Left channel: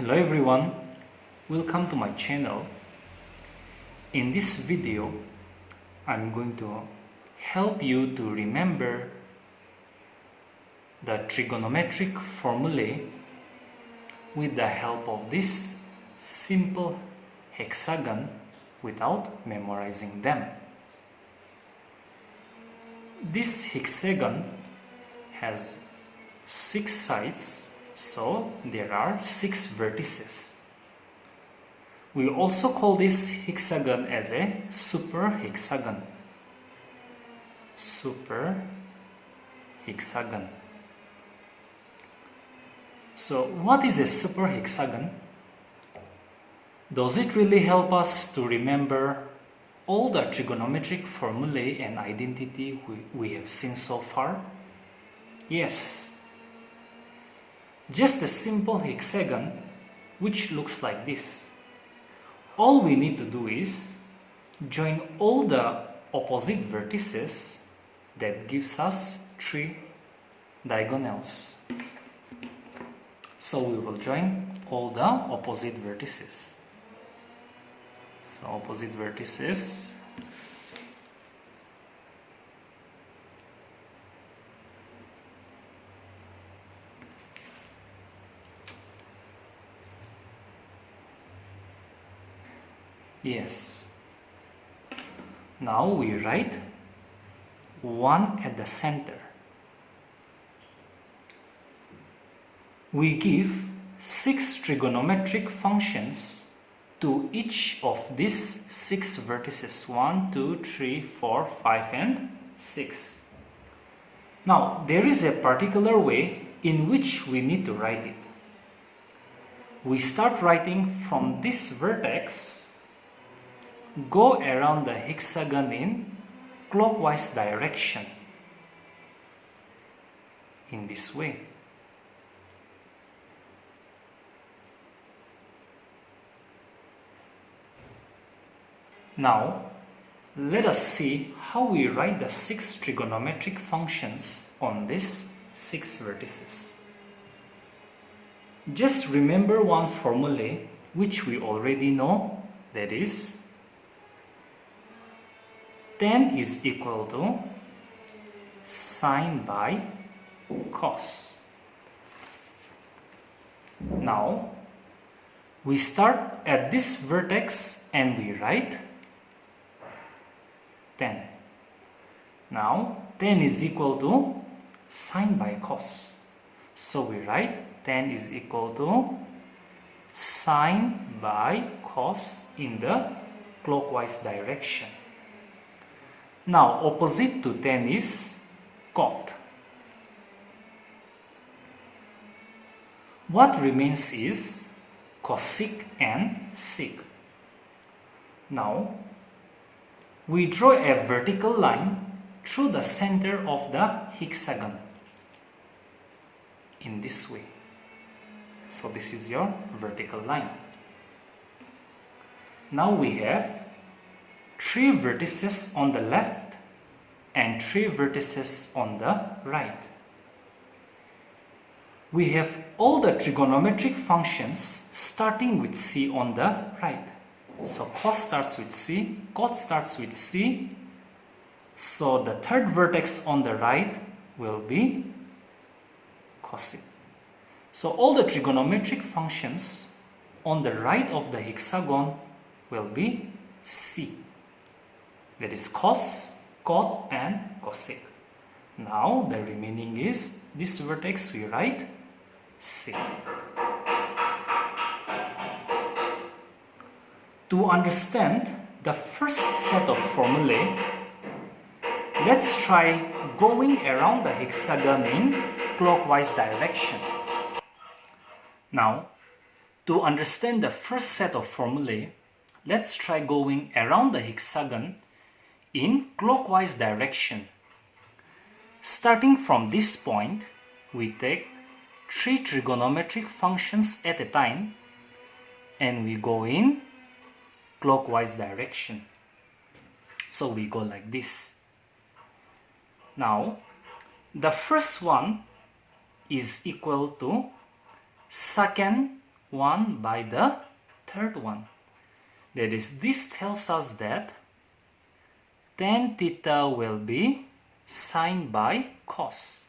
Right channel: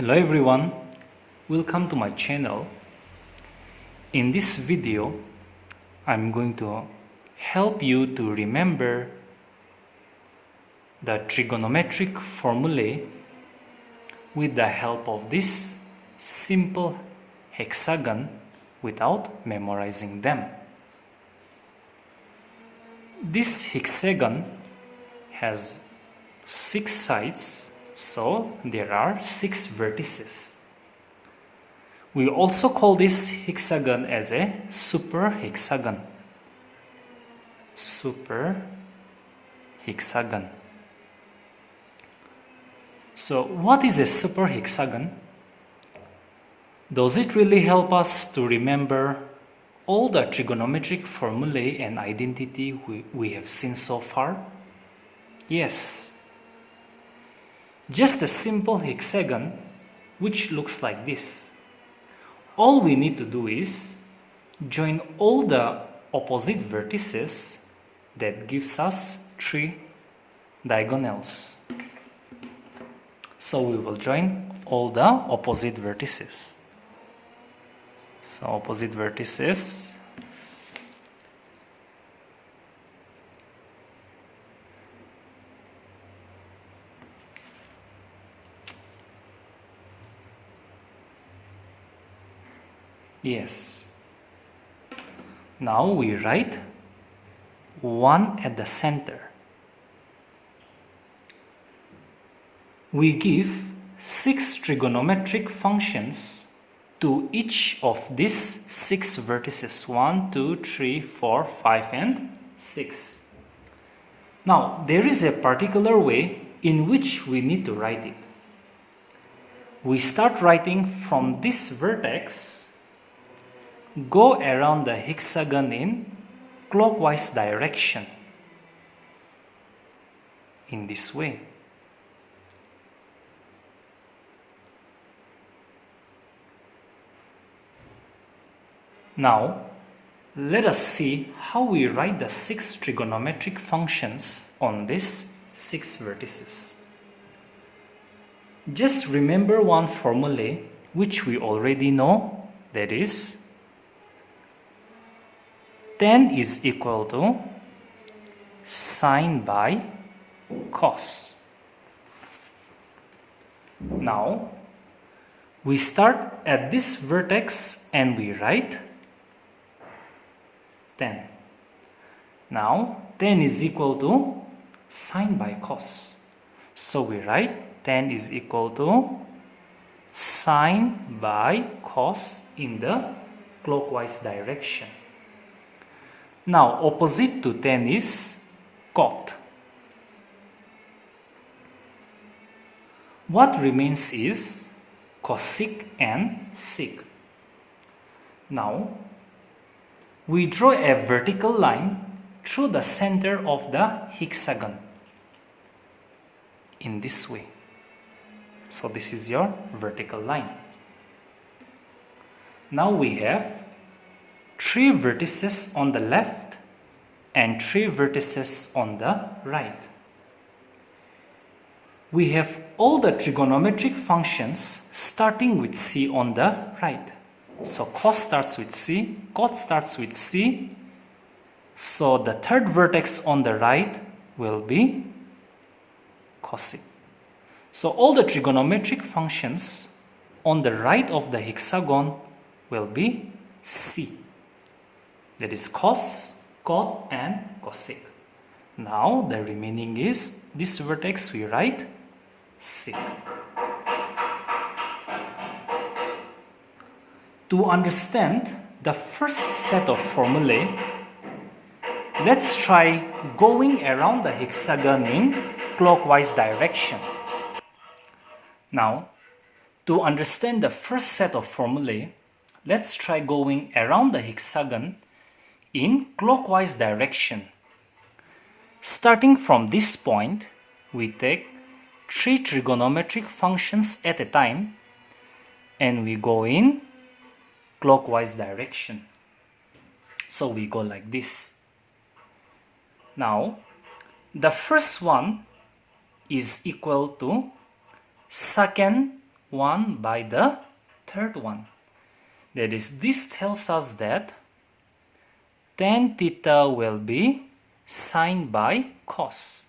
Hello everyone, welcome to my channel. In this video, I'm going to help you to remember the trigonometric formulae with the help of this simple hexagon without memorizing them. This hexagon has 6 sides, so there are 6 vertices. We also call this hexagon as a super hexagon. Super hexagon. So what is a super hexagon? Does it really help us to remember all the trigonometric formulae and identity we have seen so far? Yes. Just a simple hexagon which looks like this. All we need to do is join all the opposite vertices that gives us 3 diagonals. So we will join all the opposite vertices. So opposite vertices. Yes. Now we write 1 at the center. We give 6 trigonometric functions to each of these 6 vertices. 1, 2, 3, 4, 5 and 6. Now there is a particular way in which we need to write it. We start writing from this vertex, go around the hexagon in clockwise direction in this way. Now let us see how we write the 6 trigonometric functions on these 6 vertices. Just remember one formula which we already know, that is tan is equal to sine by cos. Now we start at this vertex and we write tan. Now tan is equal to sine by cos. So we write tan is equal to sine by cos in the clockwise direction. Now opposite to tan is cot. What remains is cosec and sec. Now we draw a vertical line through the center of the hexagon in this way. So this is your vertical line. Now we have 3 vertices on the left and 3 vertices on the right. We have all the trigonometric functions starting with c on the right. So cos starts with c, cot starts with c. So the third vertex on the right will be cosec. So all the trigonometric functions on the right of the hexagon will be c. That is cos, cot and cosec. Now the remaining is this vertex we write sec. To understand the first set of formulae, let's try going around the hexagon in clockwise direction. Now, to understand the first set of formulae, let's try going around the hexagon in clockwise direction. Starting from this point, we take 3 trigonometric functions at a time and we go in clockwise direction. So we go like this. Now, the first one is equal to secant 1 by the third one. That is, this tells us that tan theta will be sine by cos.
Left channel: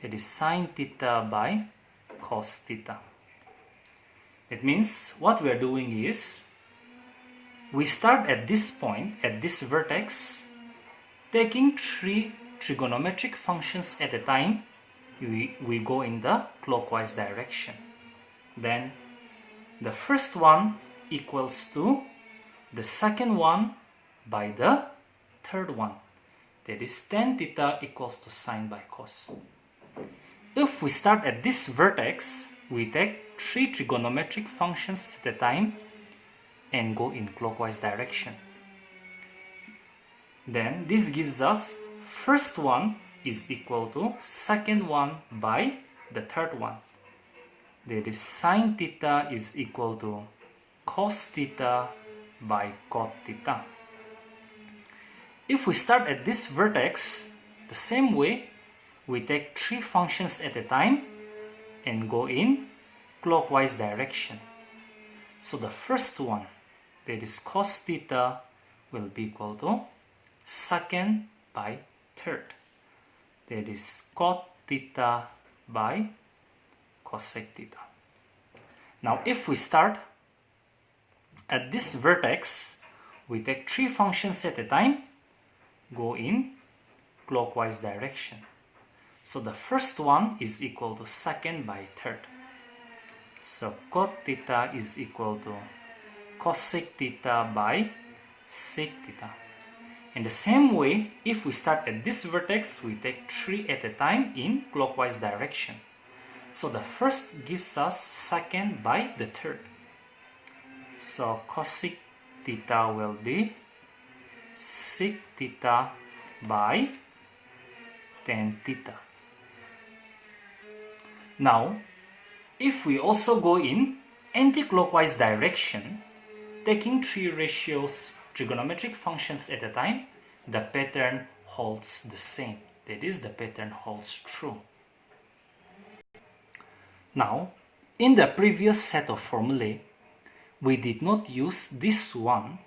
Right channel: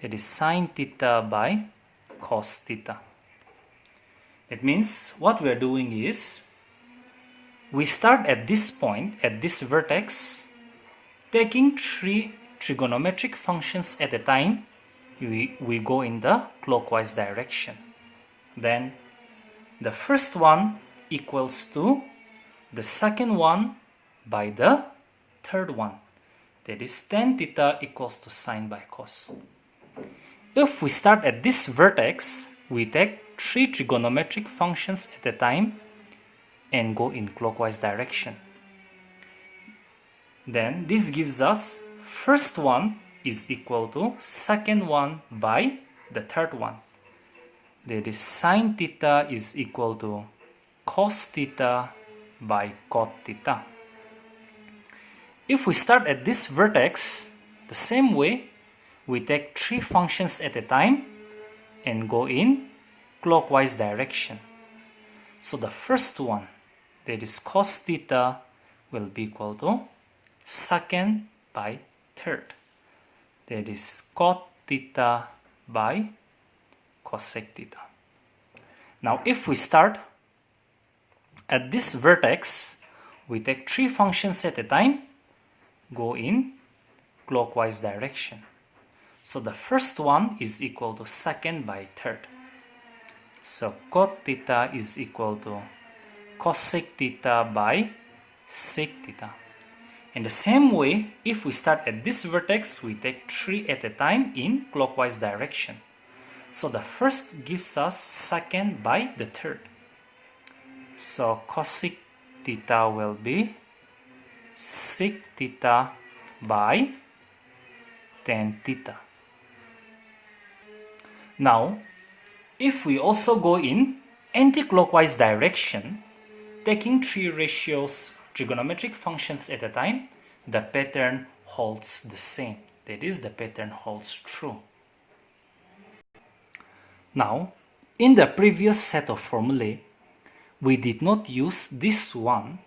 That is sine theta by cos theta. It means what we are doing is we start at this point, at this vertex, taking 3 trigonometric functions at a time. We go in the clockwise direction. Then the first one equals to the second one by the third one. That is tan theta equals to sine by cos. If we start at this vertex, we take 3 trigonometric functions at a time and go in clockwise direction. Then this gives us first one is equal to second one by the third one. That is sine theta is equal to cos theta by cot theta. If we start at this vertex, the same way, we take 3 functions at a time and go in clockwise direction. So the first one, that is cos theta, will be equal to second by third. That is cot theta by cosec theta. Now if we start at this vertex, we take 3 functions at a time, go in clockwise direction. So the first one is equal to second by third. So cot theta is equal to cosec theta by sec theta. In the same way, if we start at this vertex, we take 3 at a time in clockwise direction. So the first gives us second by the third. So cosec theta will be sec theta by tan theta. Now, if we also go in anticlockwise direction, taking 3 ratios trigonometric functions at a time, the pattern holds the same. That is, the pattern holds true. Now, in the previous set of formulae, we did not use this one,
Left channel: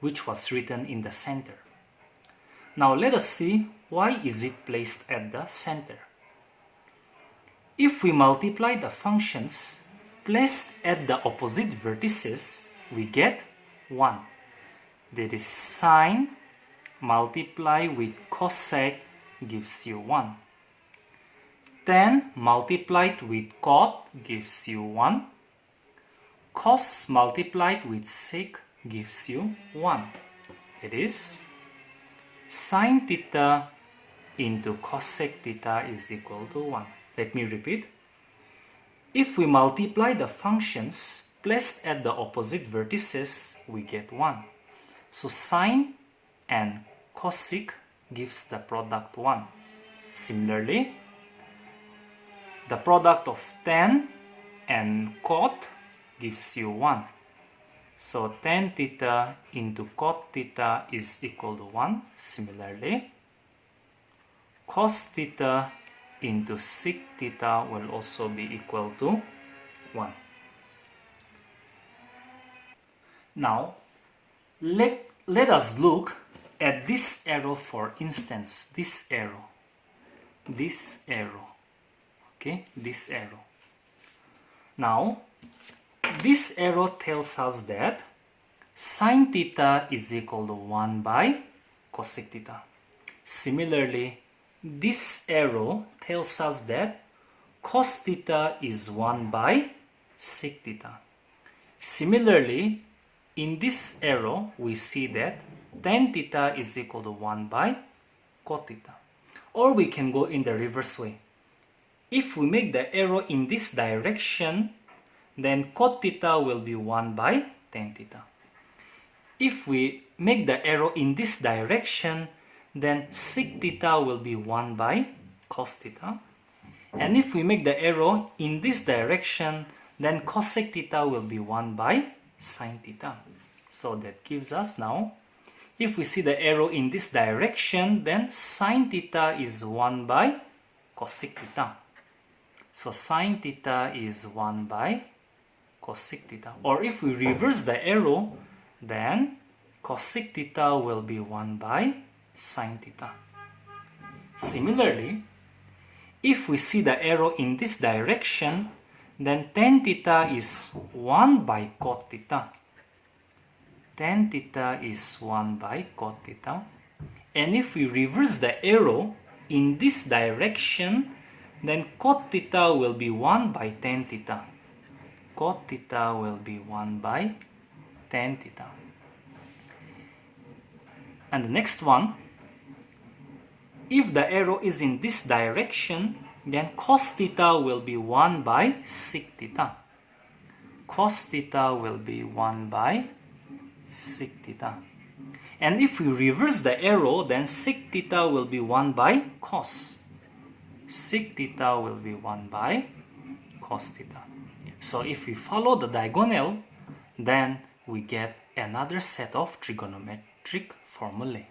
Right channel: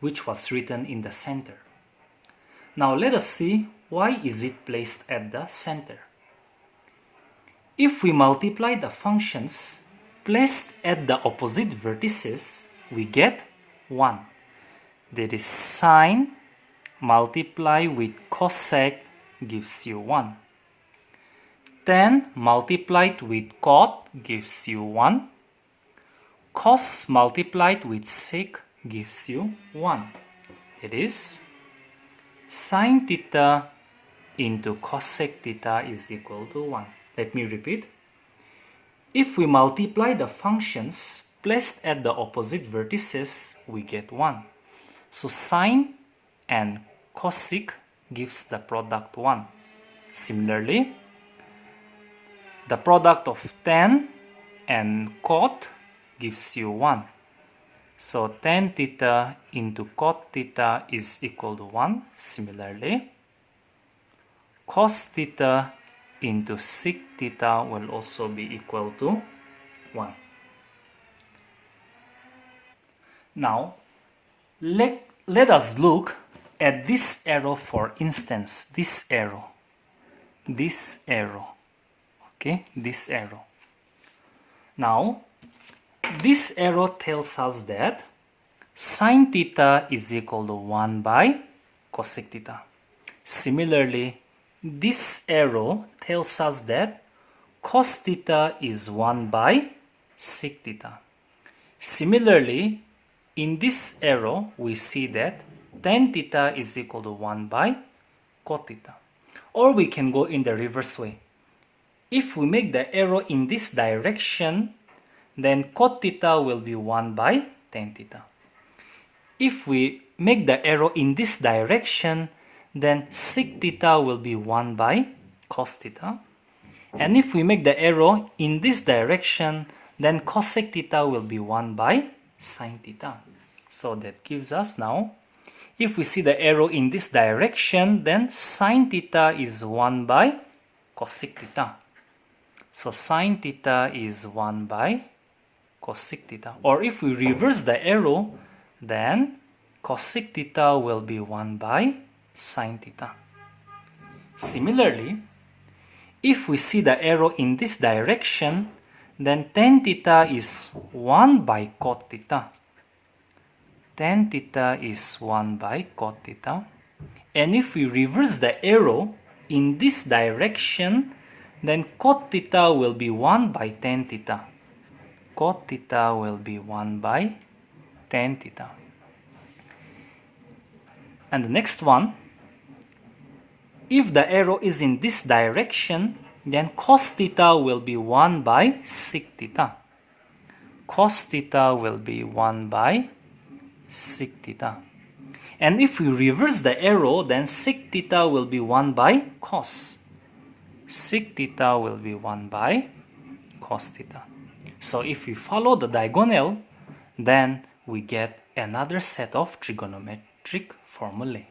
which was written in the center. Now let us see why is it placed at the center. If we multiply the functions placed at the opposite vertices, we get 1. That is sine multiply with cosec gives you 1. Tan multiplied with cot gives you 1. Cos multiplied with sec gives you 1. It is sine theta into cosec theta is equal to 1. Let me repeat. If we multiply the functions placed at the opposite vertices, we get 1. So sine and cosec gives the product 1. Similarly, the product of tan and cot gives you 1. So tan theta into cot theta is equal to 1. Similarly, cos theta into sec theta will also be equal to 1. Now, let us look at this arrow, for instance, this arrow, okay, this arrow. Now, this arrow tells us that sine theta is equal to 1 by cosec theta. Similarly, this arrow tells us that cos theta is 1 by sec theta. Similarly, in this arrow, we see that tan theta is equal to 1 by cot theta. Or we can go in the reverse way. If we make the arrow in this direction, then cot theta will be 1 by tan theta. If we make the arrow in this direction, then sec theta will be 1 by cos theta. And if we make the arrow in this direction, then cosec theta will be 1 by sine theta. So that gives us now, if we see the arrow in this direction, then sine theta is 1 by cosec theta. So sine theta is 1 by cosec theta. Or if we reverse the arrow, then cosec theta will be 1 by sin theta. Similarly, if we see the arrow in this direction, then tan theta is 1 by cot theta. Tan theta is 1 by cot theta. And if we reverse the arrow in this direction, then cot theta will be 1 by tan theta. Cot theta will be 1 by tan theta. And the next one, if the arrow is in this direction, then cos theta will be 1 by sec theta. Cos theta will be 1 by sec theta. And if we reverse the arrow, then sec theta will be 1 by cos. Sec theta will be 1 by cos theta. So if we follow the diagonal, then we get another set of trigonometric formulae.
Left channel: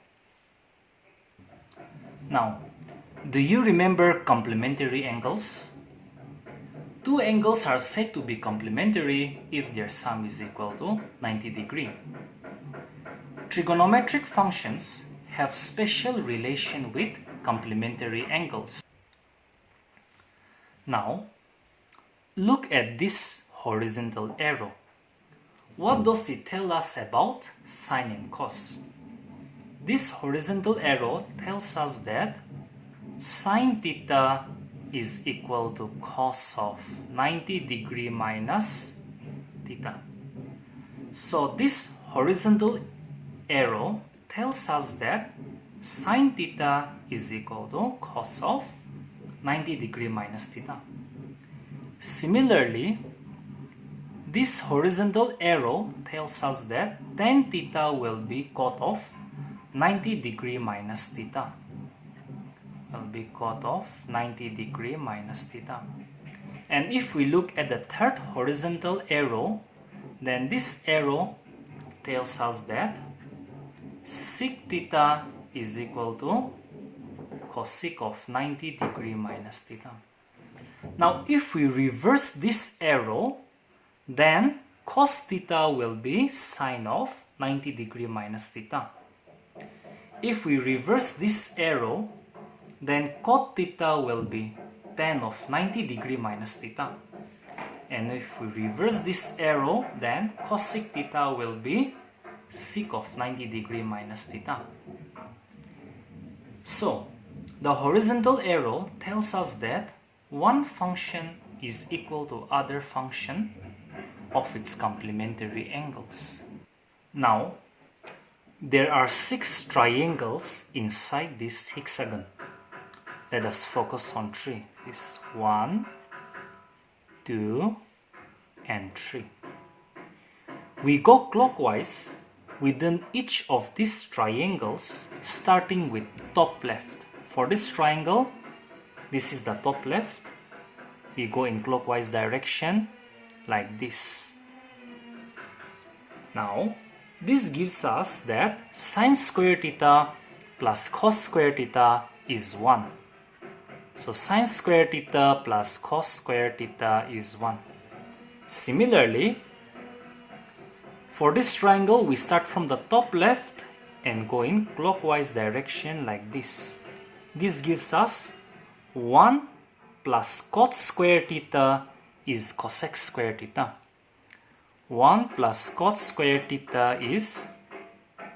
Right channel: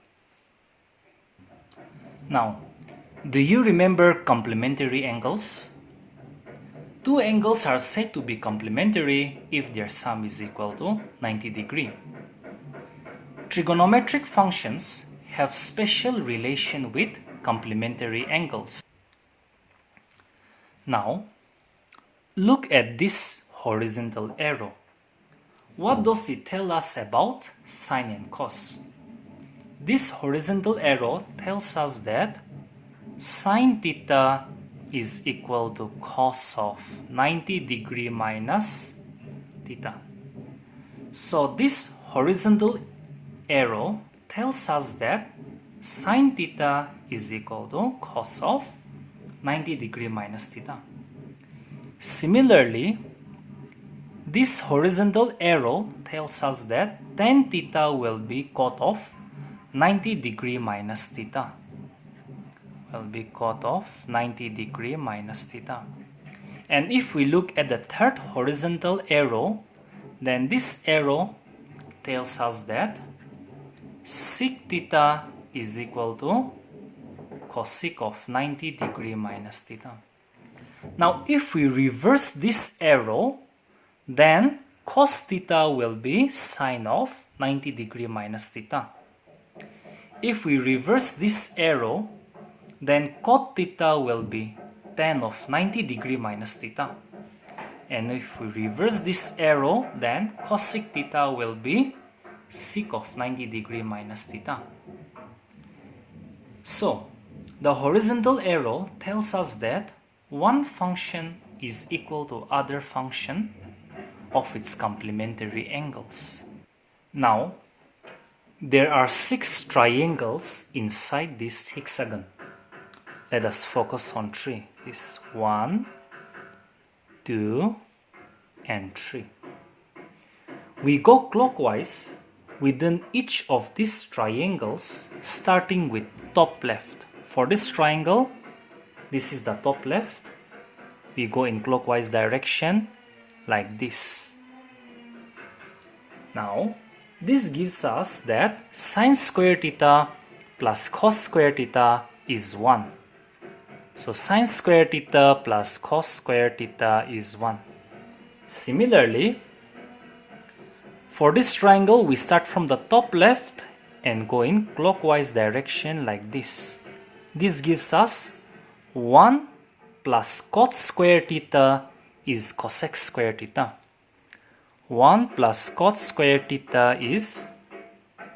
Now, do you remember complementary angles? Two angles are said to be complementary if their sum is equal to 90 degrees. Trigonometric functions have special relation with complementary angles. Now, look at this horizontal arrow. What does it tell us about sine and cos? This horizontal arrow tells us that sine theta is equal to cos of 90 degree minus theta. So this horizontal arrow tells us that sine theta is equal to cos of 90 degree minus theta. Similarly, this horizontal arrow tells us that tan theta will be cot of 90 degree minus theta. Will be cot of 90 degree minus theta. And if we look at the third horizontal arrow, then this arrow tells us that sec theta is equal to cosec of 90 degree minus theta. Now, if we reverse this arrow, then cos theta will be sine of 90 degree minus theta. If we reverse this arrow, then cot theta will be tan of 90 degree minus theta. And if we reverse this arrow, then cosec theta will be sec of 90 degree minus theta. So, the horizontal arrow tells us that one function is equal to other function of its complementary angles. Now, there are 6 triangles inside this hexagon. Let us focus on 3. This 1, 2, and 3. We go clockwise within each of these triangles, starting with top left. For this triangle, this is the top left. We go in clockwise direction like this. Now, this gives us that sine square theta plus cos square theta is 1. So sine square theta plus cos square theta is 1. Similarly, for this triangle, we start from the top left and go in clockwise direction like this. This gives us 1 plus cot square theta is cosec square theta. 1 plus cot square theta is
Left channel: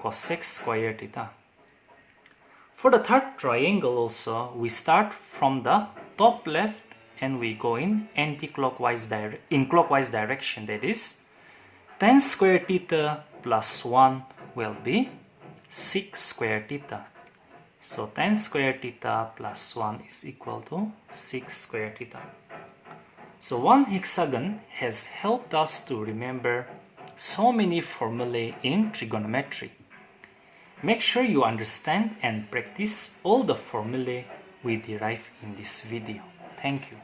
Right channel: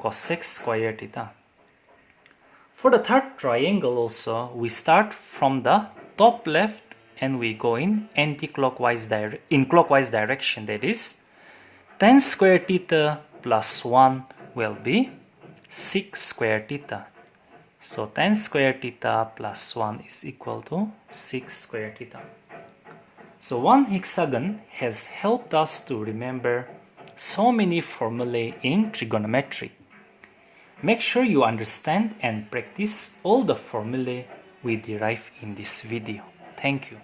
cosec square theta. For the third triangle also, we start from the top left and we go in clockwise direction. That is, tan square theta plus 1 will be sec square theta. So tan square theta plus 1 is equal to sec square theta. So one hexagon has helped us to remember so many formulae in trigonometry. Make sure you understand and practice all the formulae we derive in this video. Thank you.